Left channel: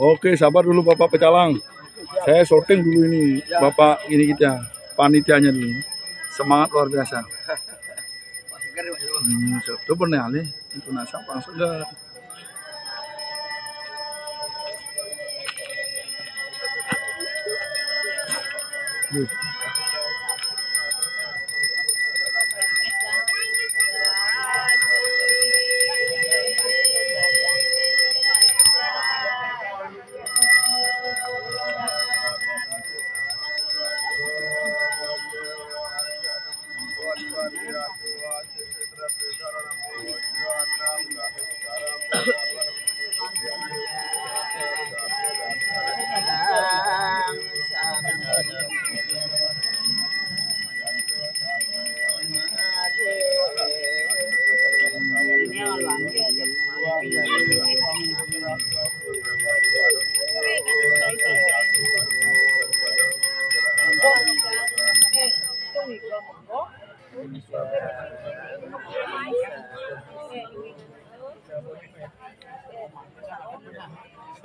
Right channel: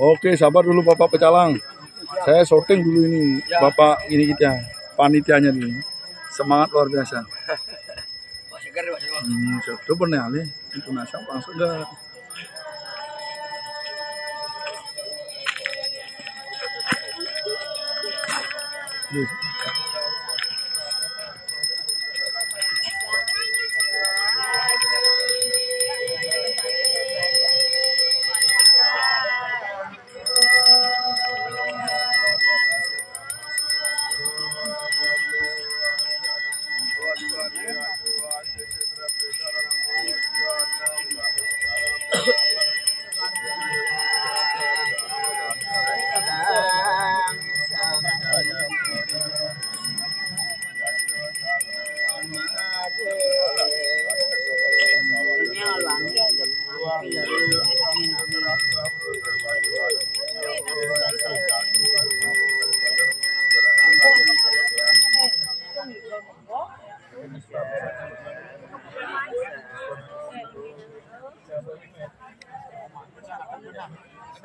Oke, sabar dulu Bapak Pecalang. Saya syuting dulu ini, Bapak ini kita, panitianya dulu. Semangat luar biasa. Itu benar nih, itu nasi apa segar.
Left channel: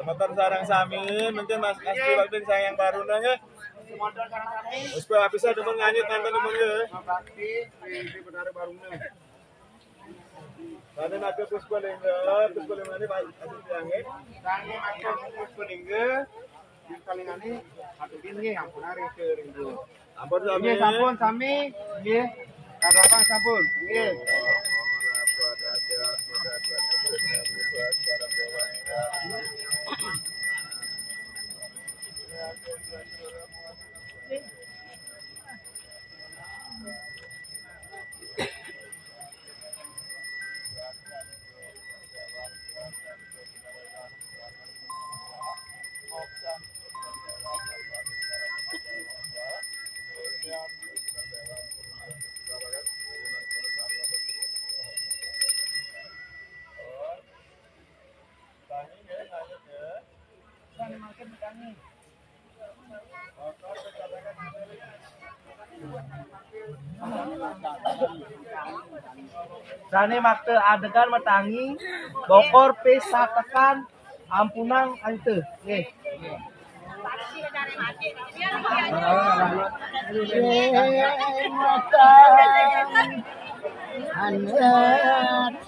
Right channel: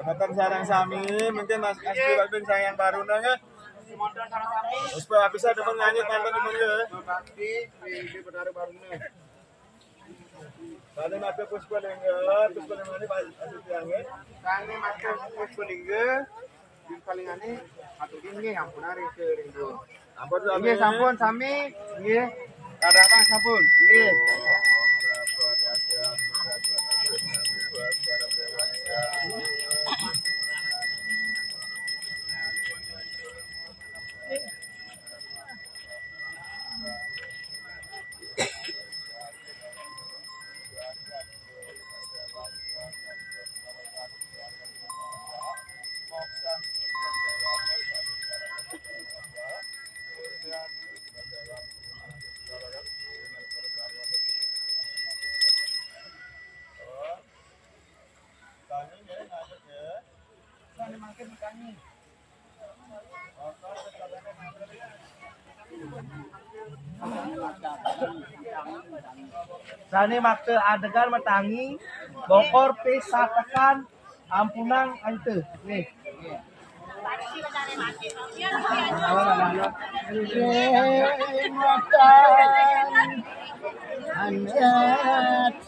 Motor sarang sami, mungkin Mas Asli waktu sayang baru nanya. Motor sarang sami. Supaya bisa demen nganyit mantan demen ke. Bakti di benar baru nanya. Pada nape puspa lengga, puspa lengga ni Asli tiangin. Kami macam puspa lengga, di palingane aturin ye, ampun hari ke rindu. Ampun sami. Ye sampun sami, ye. Ada apa sampun? Ye. Sane makte adegan matangi bokor pesa tekan ampunang ante nih. Matan anak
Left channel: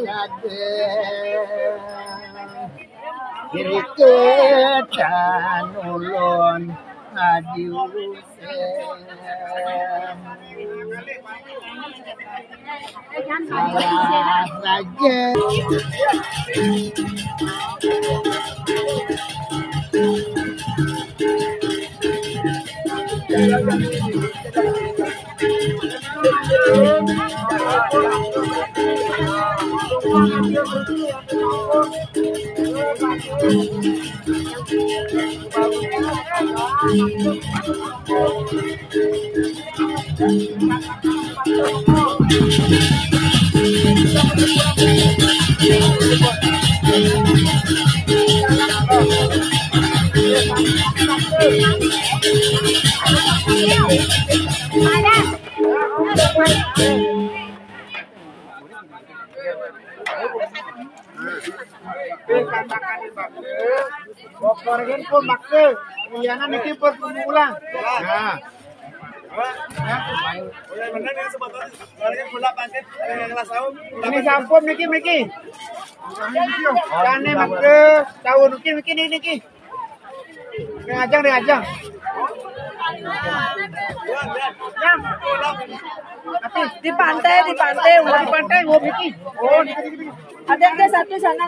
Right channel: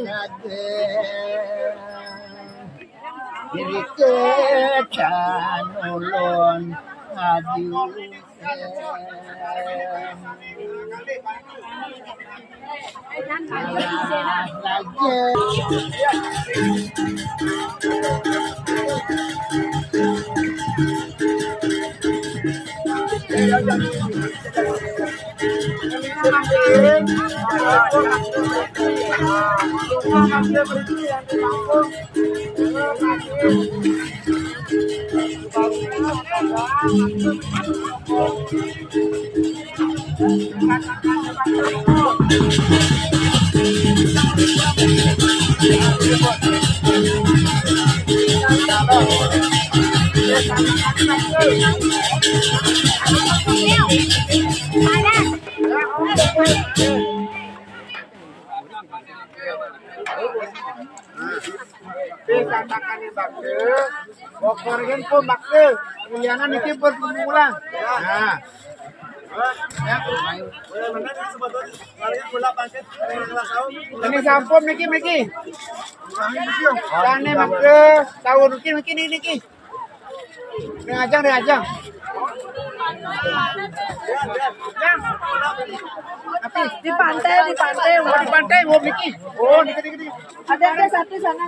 lade kiri ketan ulun Bokorgen pun makse, ilianan iki bermulang. Nah. Ini sampun niki. Kane makse, tahu niki niki. Ajang. Di pantai, mau niki. Oh, niki. Ada ke satu sana.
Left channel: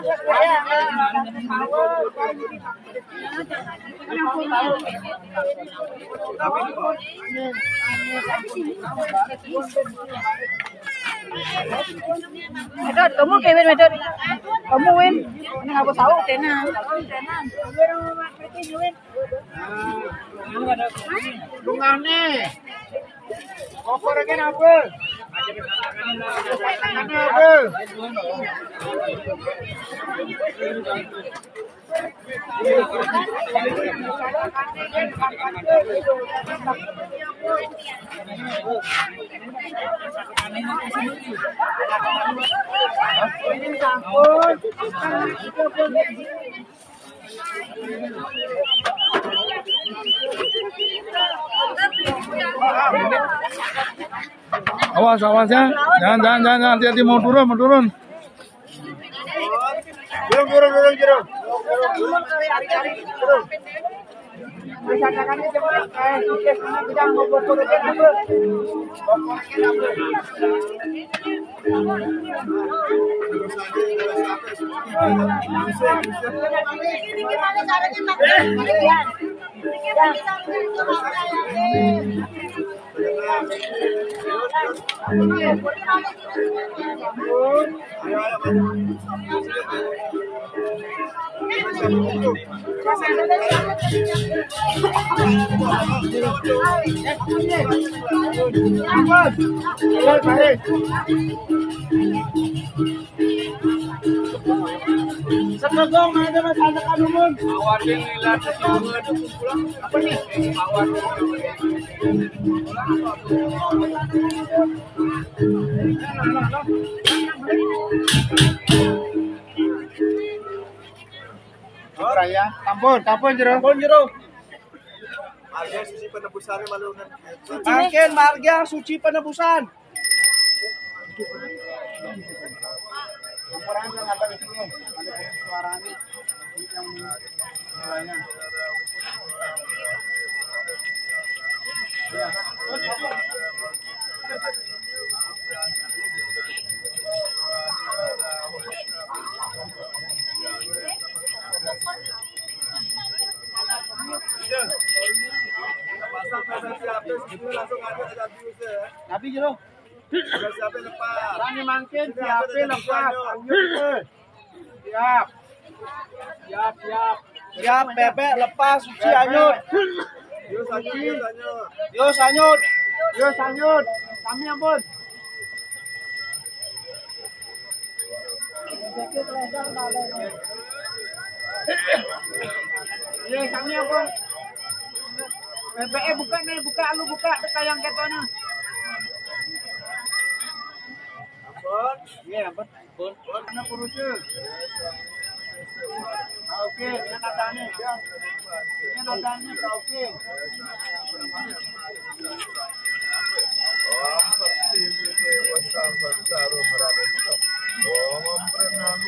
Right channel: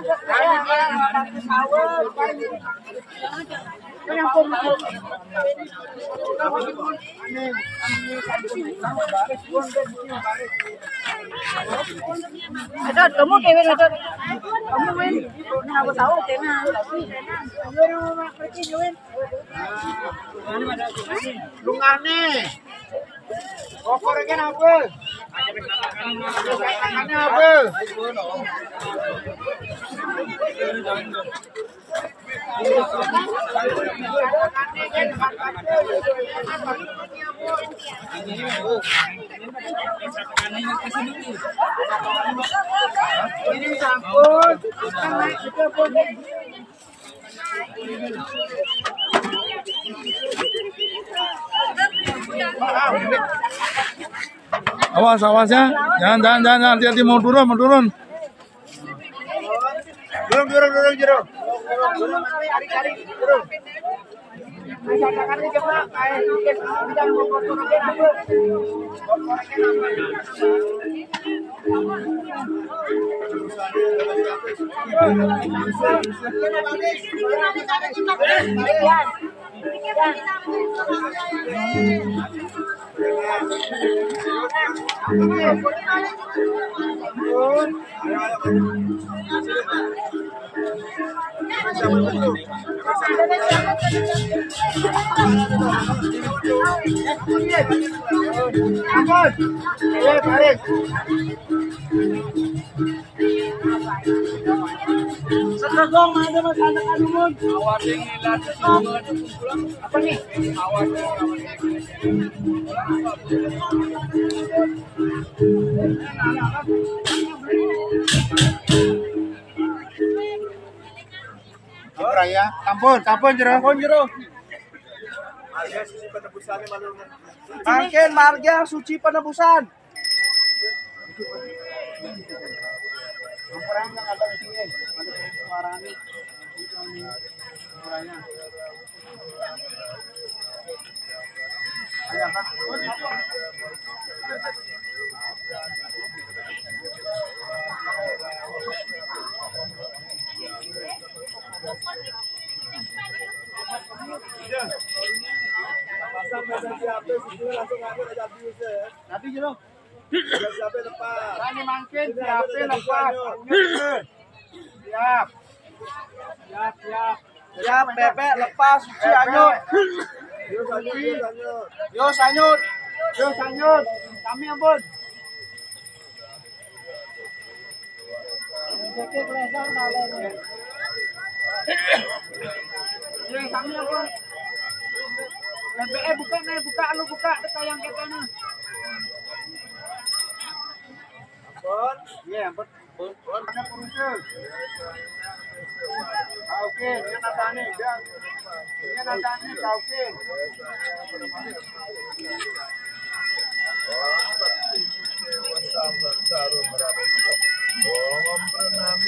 Medot, kamu kewin medot. Kamu win. Ini aku tahu tenan. Lungane. Bokorgen apa? Ini sampun. Kita pun. Awas, awas ya. Jangan, hati-hati mau turun. Durung. Cari. Durung. Masyarakat coba kita mau bokorekin apa? Ampun. Baris. Sedekong ada Mas anak adumun. Awatin lilat apa nih? Ya, tampun jero. Makin marga suci penebusan. Laporan yang ada di sini, ada suaranya yang mulainya. Ada apa? Nabi jero. Tani mangkin siapin lepas. Siap. Siap bebek lepas suci anyut. Yo sanyut. Kami ampun. Ye kami ampun. Bebek buka lu buka tayang ketona. Ampun. Iya, ampun. Mana purusnya? Oke, ini nadane. Ini nadane oke. Om pranami